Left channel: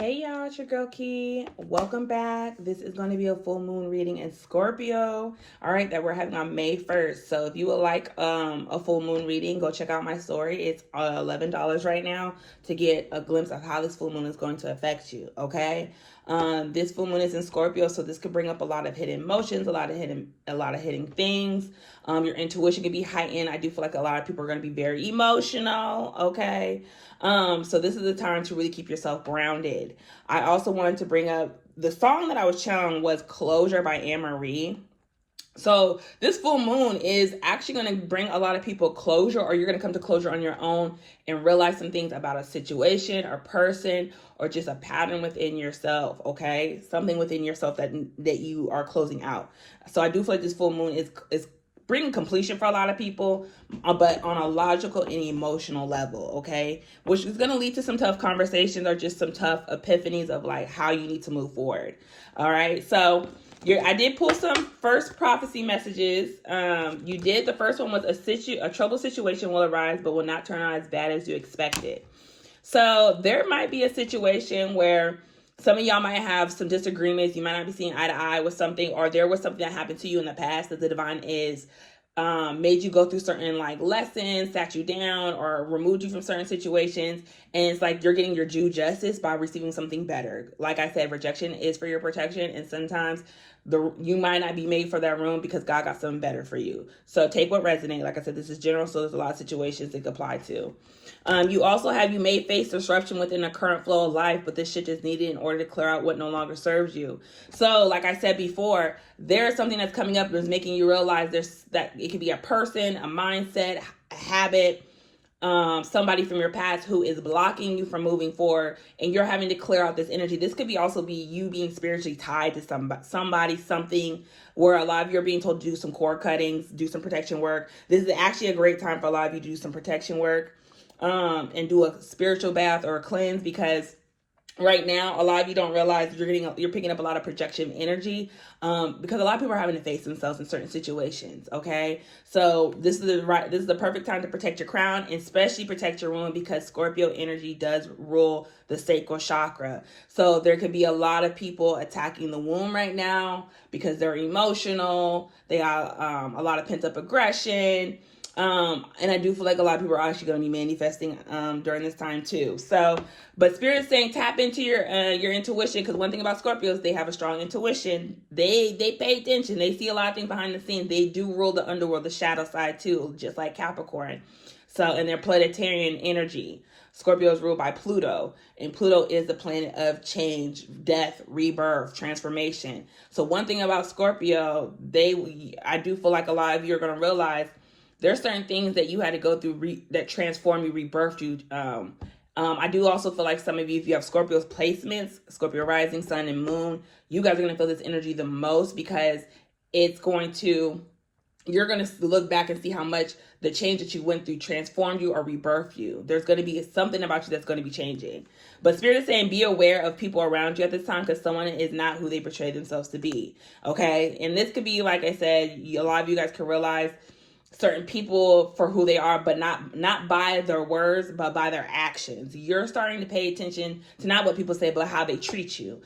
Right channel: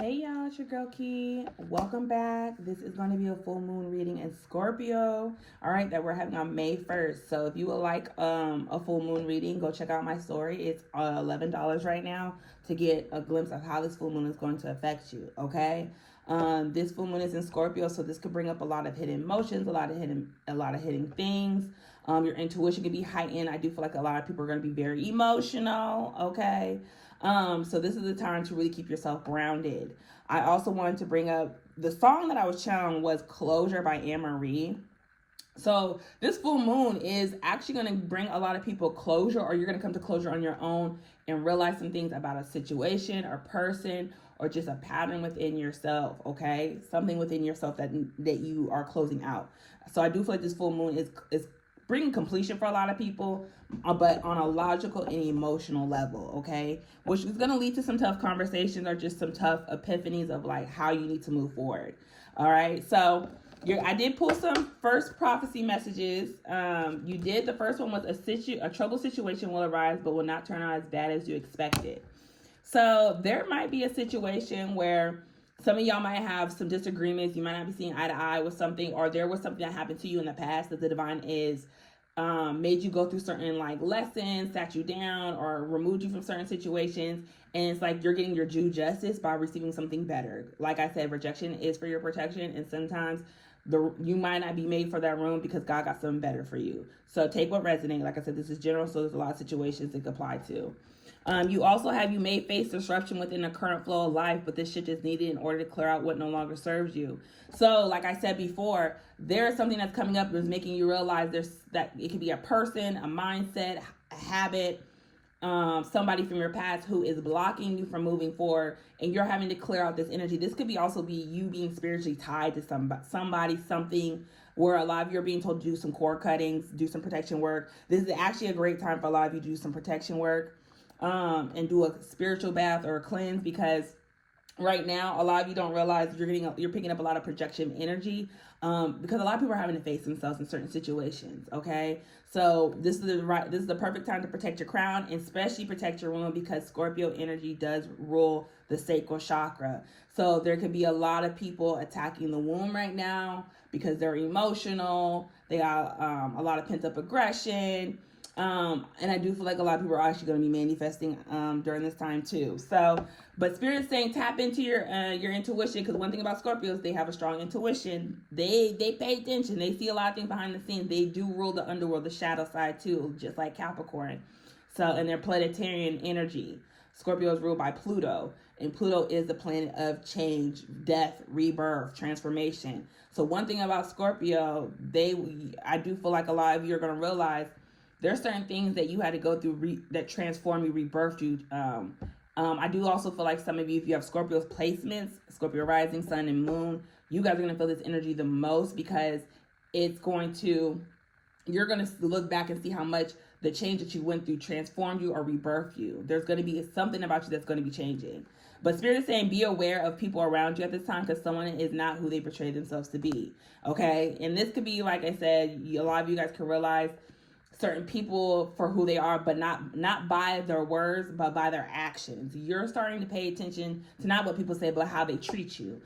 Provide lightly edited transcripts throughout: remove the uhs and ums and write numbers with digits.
Hey y'all, it's your girl Key. Welcome back. This is going to be a full moon reading in Scorpio. All right, that we're having on May 1st. So if you would like a full moon reading, go check out my story. It's $11 right now to get a glimpse of how this full moon is going to affect you. Okay, this full moon is in Scorpio, so this could bring up a lot of hidden emotions, a lot of hidden things. Your intuition can be heightened. I do feel like a lot of people are going to be very emotional. Okay. So this is the time to really keep yourself grounded. I also wanted to bring up the song that I was channeling was Closure by Anne-Marie. So this full moon is actually going to bring a lot of people closure, or you're going to come to closure on your own and realize some things about a situation or person or just a pattern within yourself. Okay, something within yourself that you are closing out. So I do feel like this full moon is bringing completion for a lot of people, but on a logical and emotional level, okay? Which is going to lead to some tough conversations or just some tough epiphanies of like how you need to move forward. All right, so I did pull some first prophecy messages. You did. The first one was a troubled situation will arise, but will not turn out as bad as you expected. So there might be a situation where some of y'all might have some disagreements. You might not be seeing eye to eye with something, or there was something that happened to you in the past that the divine is made you go through certain like lessons, sat you down, or removed you from certain situations, and it's like you're getting your due justice by receiving something better. Like I said, rejection is for your protection, and sometimes you might not be made for that room because God got something better for you. So take what resonates. Like I said, this is general, so there's a lot of situations it could apply to. You also have you may face disruption within the current flow of life, but this shit is needed in order to clear out what no longer serves you. So, like I said before, there's something that's coming up that's making you realize that it could be a person, a mindset, a habit, somebody from your past who is blocking you from moving forward, and you're having to clear out this energy. This could also be you being spiritually tied to somebody, something, where a lot of you are being told to do some cord cuttings, do some protection work. This is actually a great time for a lot of you to do some protection work, and do a spiritual bath or a cleanse, because right now a lot of you don't realize you're picking up a lot of projection energy, because a lot of people are having to face themselves in certain situations. Okay, so this is the perfect time to protect your crown, and especially protect your womb, because Scorpio energy does rule the sacral chakra. So there could be a lot of people attacking the womb right now because they're emotional. They have a lot of pent-up aggression. And I do feel like a lot of people are actually going to be manifesting during this time too. So, but Spirit's saying tap into your intuition, because one thing about Scorpios, they have a strong intuition. They pay attention. They see a lot of things behind the scenes. They do rule the underworld, the shadow side too, just like Capricorn. So, and their planetarian energy. Scorpio is ruled by Pluto, and Pluto is the planet of change, death, rebirth, transformation. So one thing about Scorpio, I do feel like a lot of you are going to realize there's certain things that you had to go through that transform you, rebirthed you. I do also feel like some of you, if you have Scorpio's placements, Scorpio rising, sun, and moon, you guys are going to feel this energy the most, because you're going to look back and see how much the change that you went through transformed you or rebirthed you. There's going to be something about you that's going to be changing. But Spirit is saying be aware of people around you at this time, because someone is not who they portray themselves to be. Okay? And this could be, like I said, a lot of you guys can realize certain people for who they are, but not by their words, but by their actions. You're starting to pay attention to not what people say, but how they treat you.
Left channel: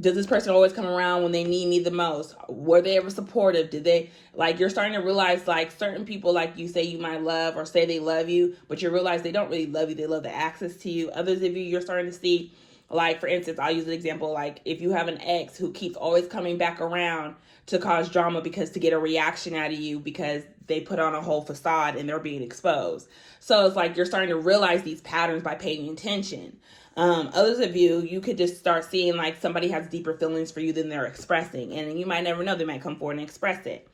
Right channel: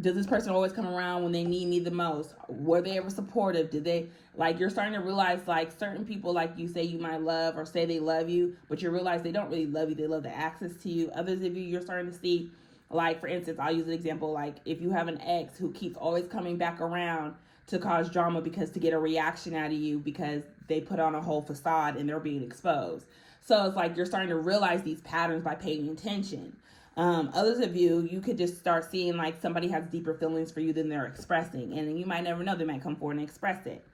Does this person always come around when they need me the most? Were they ever supportive? You're starting to realize, like, certain people, like you say you might love or say they love you, but you realize they don't really love you. They love the access to you. Others of you, you're starting to see, like, for instance, I'll use an example, like if you have an ex who keeps always coming back around to cause drama to get a reaction out of you, because they put on a whole facade and they're being exposed. So it's like you're starting to realize these patterns by paying attention. Others of you could just start seeing like somebody has deeper feelings for you than they're expressing, and you might never know, they might come forward and express it.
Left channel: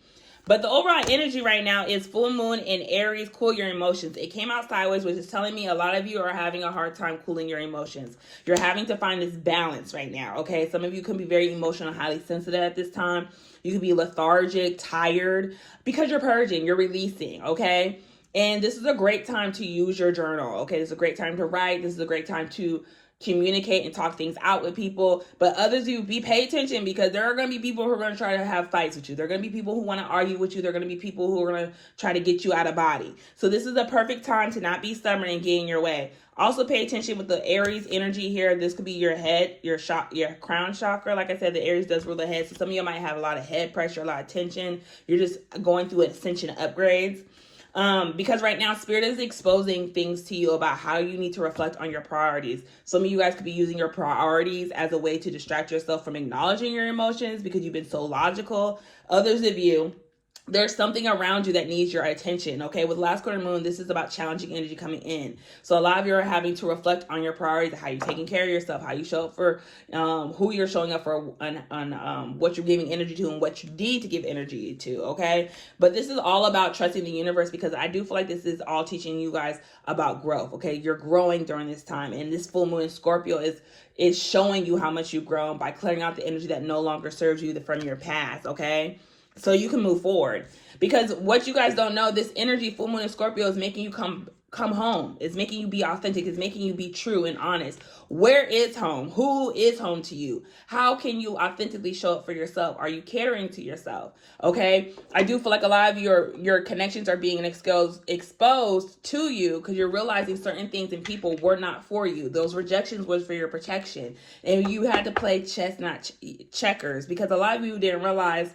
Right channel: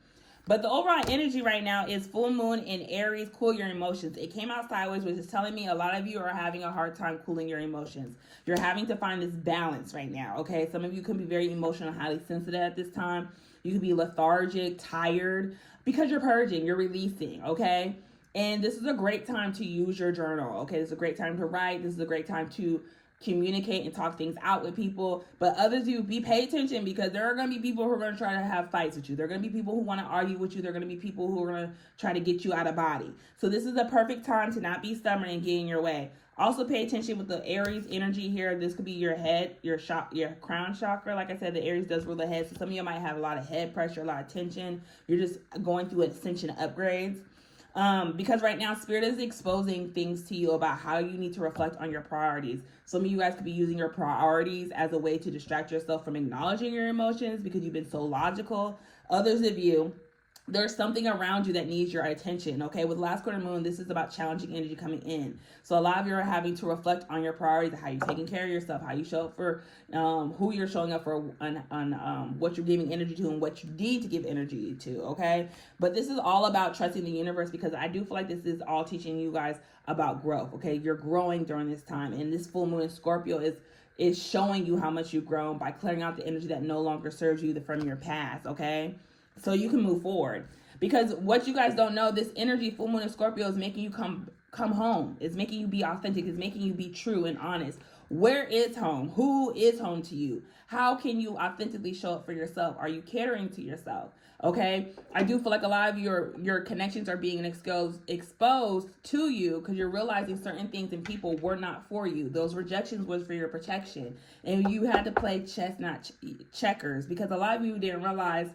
But the overall energy right now is full moon in Aries. Cool your emotions. It came out sideways, which is telling me a lot of you are having a hard time cooling your emotions. You're having to find this balance right now, okay? Some of you can be very emotional, highly sensitive at this time. You can be lethargic, tired, because you're purging, you're releasing, okay? And this is a great time to use your journal, okay? This is a great time to write. This is a great time to communicate and talk things out with people. But others, pay attention, because there are going to be people who are going to try to have fights with you. There are going to be people who want to argue with you. There are going to be people who are going to try to get you out of body. So this is a perfect time to not be stubborn and get in your way. Also pay attention with the Aries energy here. This could be your head, your crown chakra. Like I said, the Aries does rule the head. So some of you might have a lot of head pressure, a lot of tension. You're just going through ascension upgrades. Because right now Spirit is exposing things to you about how you need to reflect on your priorities. Some of you guys could be using your priorities as a way to distract yourself from acknowledging your emotions because you've been so logical. Others of you, there's something around you that needs your attention. Okay, with last quarter moon, this is about challenging energy coming in. So a lot of you are having to reflect on your priorities, how you're taking care of yourself, how you show up for who you're showing up for, on what you're giving energy to and what you need to give energy to. Okay, but this is all about trusting the universe, because I do feel like this is all teaching you guys about growth. Okay, you're growing during this time, and this full moon in Scorpio is showing you how much you've grown by clearing out the energy that no longer serves you from your past. Okay, so you can move forward. Because what you guys don't know, this energy, full moon in Scorpio, is making you come home. It's making you be authentic. It's making you be true and honest. Where is home? Who is home to you? How can you authentically show up for yourself? Are you catering to yourself? Okay, I do feel like a lot of your connections are being exposed to you, because you're realizing certain things and people were not for you. Those rejections was for your protection, and you had to play chess, not checkers, because a lot of you didn't realize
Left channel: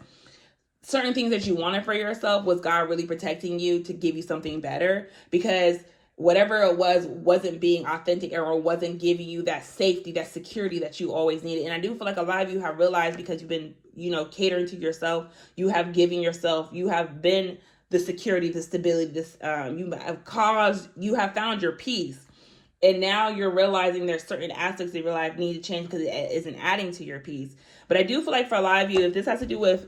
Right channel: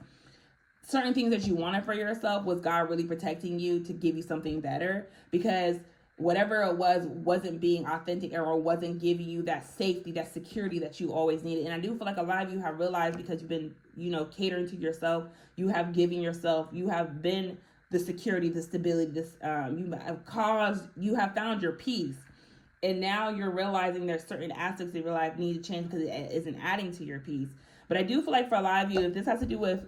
certain things that you wanted for yourself was God really protecting you to give you something better, because whatever it wasn't being authentic or wasn't giving you that safety, that security that you always needed. And I do feel like a lot of you have realized, because you've been, catering to yourself, you have given yourself, you have been the security, the stability, you have found your peace. And now you're realizing there's certain aspects of your life need to change because it isn't adding to your peace. But I do feel like for a lot of you, if this has to do with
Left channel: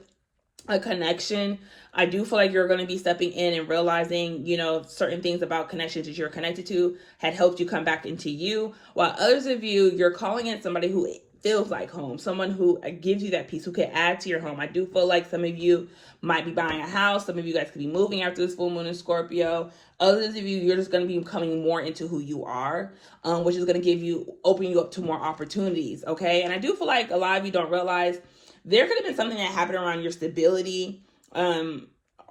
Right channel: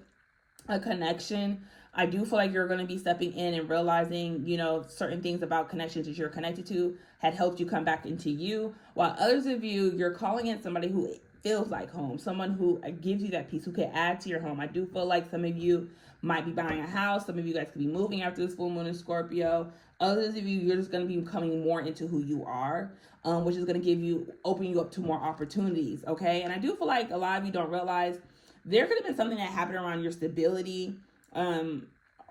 a connection, I do feel like you're going to be stepping in and realizing, certain things about connections that you're connected to had helped you come back into you. While others of you, you're calling in somebody who feels like home, someone who gives you that peace, who can add to your home. I do feel like some of you might be buying a house. Some of you guys could be moving after this full moon in Scorpio. Others of you, you're just going to be coming more into who you are, which is going to open you up to more opportunities. Okay. And I do feel like a lot of you don't realize there could have been something that happened around your stability,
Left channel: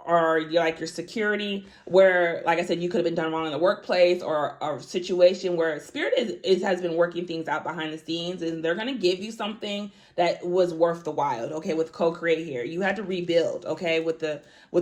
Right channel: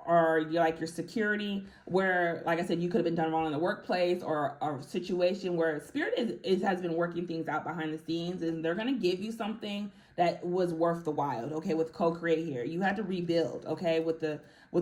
or your security, where, like I said, you could have been done wrong in the workplace, or a situation where Spirit has been working things out behind the scenes, and they're going to give you something that was worth the while. Okay, with co-create here, you had to rebuild. Okay, with the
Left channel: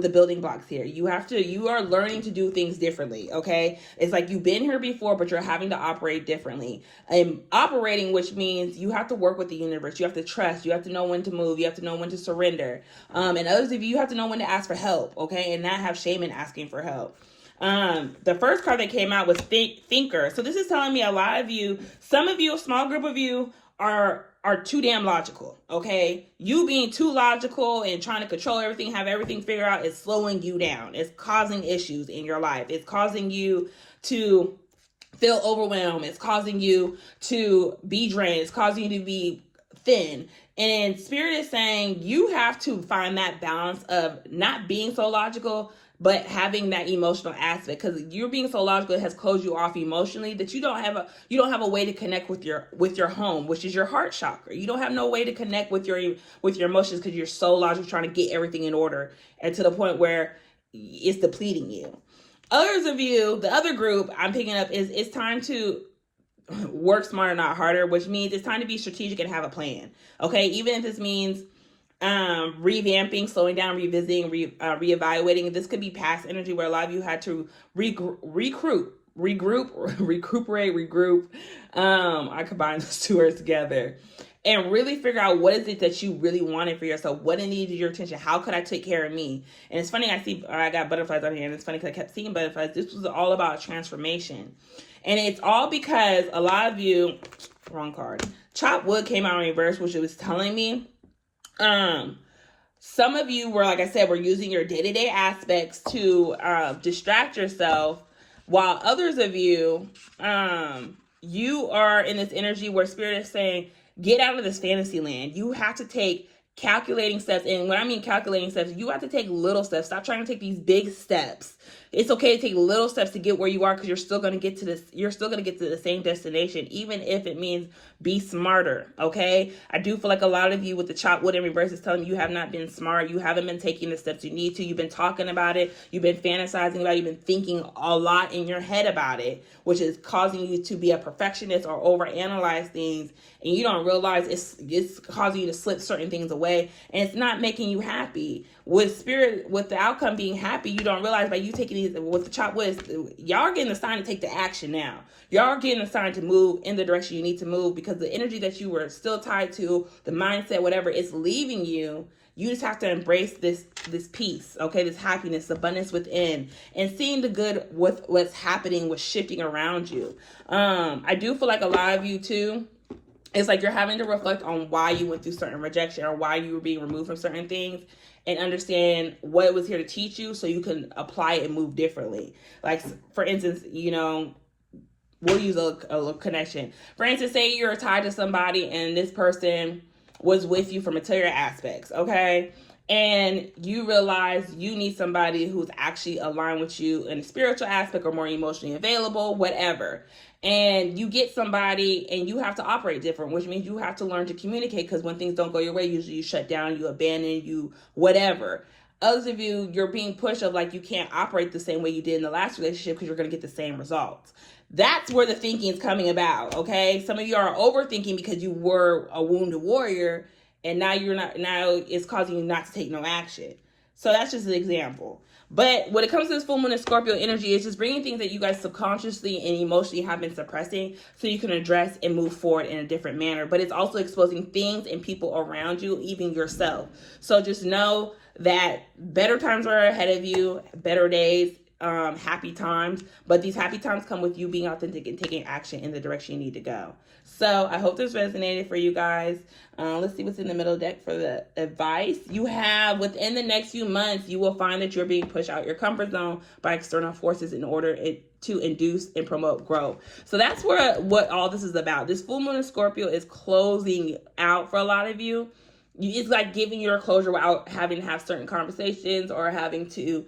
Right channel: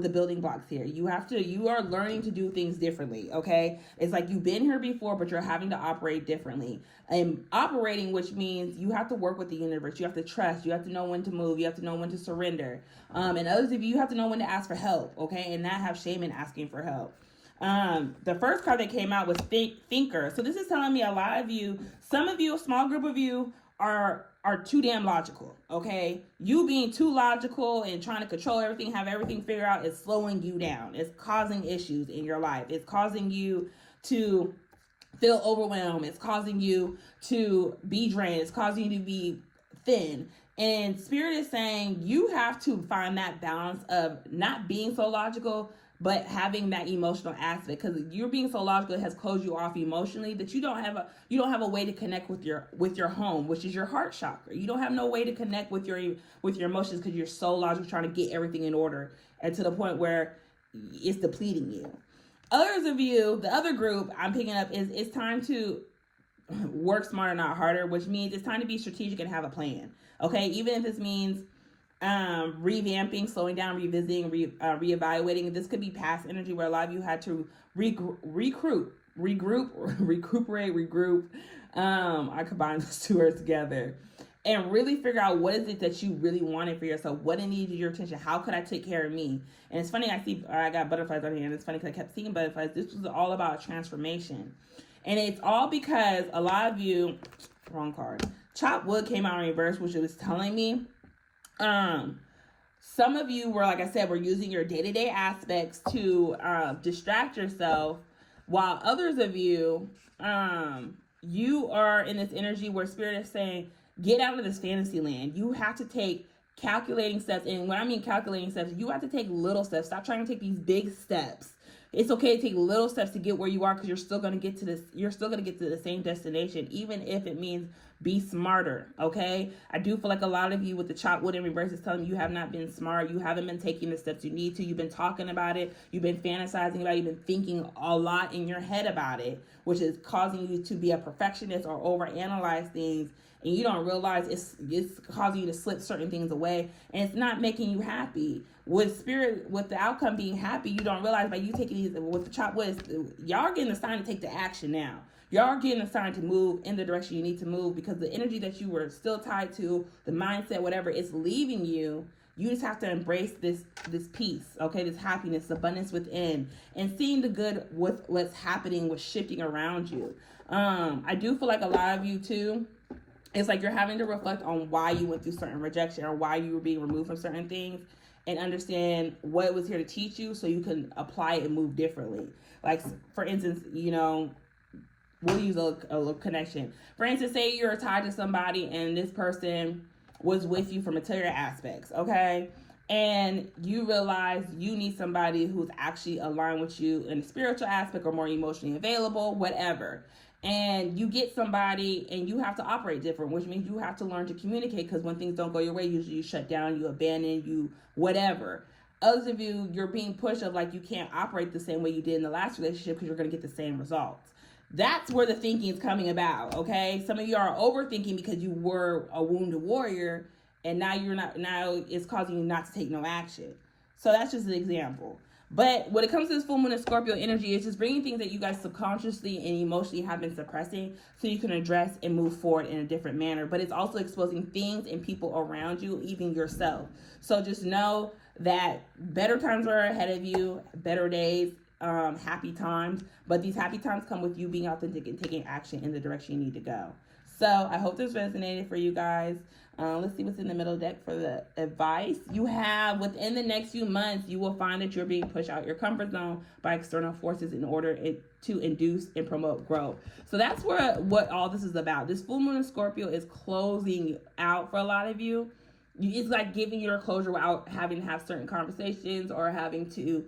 building blocks here, you are learning to do things differently. Okay, it's like you've been here before, but you're having to operate differently. And operating, which means you have to work with the universe. You have to trust. You have to know when to move. You have to know when to surrender. And others of you have to know when to ask for help. Okay, and not have shame in asking for help. The first card that came out was Thinker. So this is telling me a lot of you, some of you, a small group of you are too damn logical. Okay, you being too logical and trying to control everything, have everything figured out, is slowing you down. It's causing issues in your life. It's causing you to feel overwhelmed. It's causing you to be drained. It's causing you to be thin. And Spirit is saying you have to find that balance of not being so logical, but having that emotional aspect, because you're being so logical, it has closed you off emotionally, that you don't have a way to connect with your home, which is your heart chakra. You don't have no way to connect with your emotions, because you're so logical, trying to get everything in order, and to the point where it's depleting you. Others of you, the other group I'm picking up, is it's time to work smarter, not harder, which means it's time to be strategic and have a plan. Okay, even if this means revamping, slowing down, revisiting, reevaluating. This could be past energy, where a lot of you had to recuperate, regroup. I combine those two words together, and really figure out what is it that you really wanted for yourself. What needed your attention? How could I take care of me? And it's funny, I got butterflies on here, and it's funny because I kept seeing butterflies. This was all about transformation. And it's all because a lot of you, wrong card, Chop Wood came out in reverse, which it was telling me, some of you were, like I said, were using your day-to-day aspects to distract yourself, while others of you, you are in this energy where Spirit is saying, get out of this fantasy land. You have to take calculating steps. And when I mean calculating steps, you have to take little steps. Stop trying to take these big steps. It's okay to take little steps to get where you are, because you're still going to get to this. You're still going to get to the same destination, even if it means be smarter. Okay. I do feel like a lot of you with the chop wood in reverse is telling you have not been smart. You haven't been taking the steps you need to. You've been talking about it. You've been fantasizing about it. You've been thinking a lot in your head about it, which is causing you to be a perfectionist or overanalyze things. And you don't realize it's causing you to slip certain things away, and it's not making you happy. With spirit, with the outcome being happy, you don't realize by you taking these with the chop wood, y'all are getting the sign to take the action now. Y'all are getting the sign to move in the direction you need to move, because the energy that you were still tied to, the mindset, whatever, is leaving you. You just have to embrace this peace, okay? This happiness, abundance within, and seeing the good with what's happening, what's shifting around you. I do feel like a lot of you too, it's like you're having to reflect on why you went through certain rejection or why you were being removed from certain things, and understand what it was here to teach you so you can apply it and move differently. Like, for instance, we'll use a connection. For instance, say you're tied to somebody and this person was with you for material aspects, okay? And you realize you need somebody who's actually aligned with you in a spiritual aspect or more emotionally available, whatever. And you get somebody and you have to operate different, which means you have to learn to communicate, because when things don't go your way, usually you shut down, you abandon, you whatever. Others of you, you're being pushed of like you can't operate the same way you did in the last relationship because you're going to get the same results. That's where the thinking is coming about, okay? Some of you are overthinking because you were a wounded warrior, and now you're not. Now it's causing you not to take no action. So that's just an example. But when it comes to this full moon and Scorpio energy, it's just bringing things that you guys subconsciously and emotionally have been suppressing, so you can address and move forward in a different manner. But it's also exposing things and people around you, even yourself. So just know that better times are ahead of you, better days, happy times. But these happy times come with you being authentic and taking action in the direction you need to go. So I hope this resonated for you guys. Let's see what's in the middle deck for the advice. You have, within the next few months, you will find that you're being pushed out your comfort zone by external forces in order to induce and promote growth. So that's what all this is about. This full moon in Scorpio is closing out for a lot of you. It's like giving your closure without having to have certain conversations or having to,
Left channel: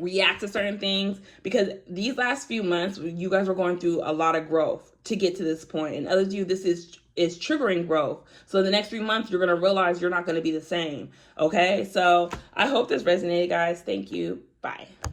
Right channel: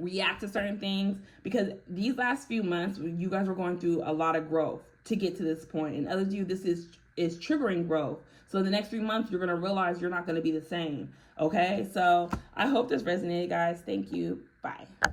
react to certain things, because these last few months you guys were going through a lot of growth to get to this point, and others of you, this is triggering growth. So in the next 3 months you're going to realize you're not going to be the same. Okay, so I hope this resonated, guys. Thank you. Bye.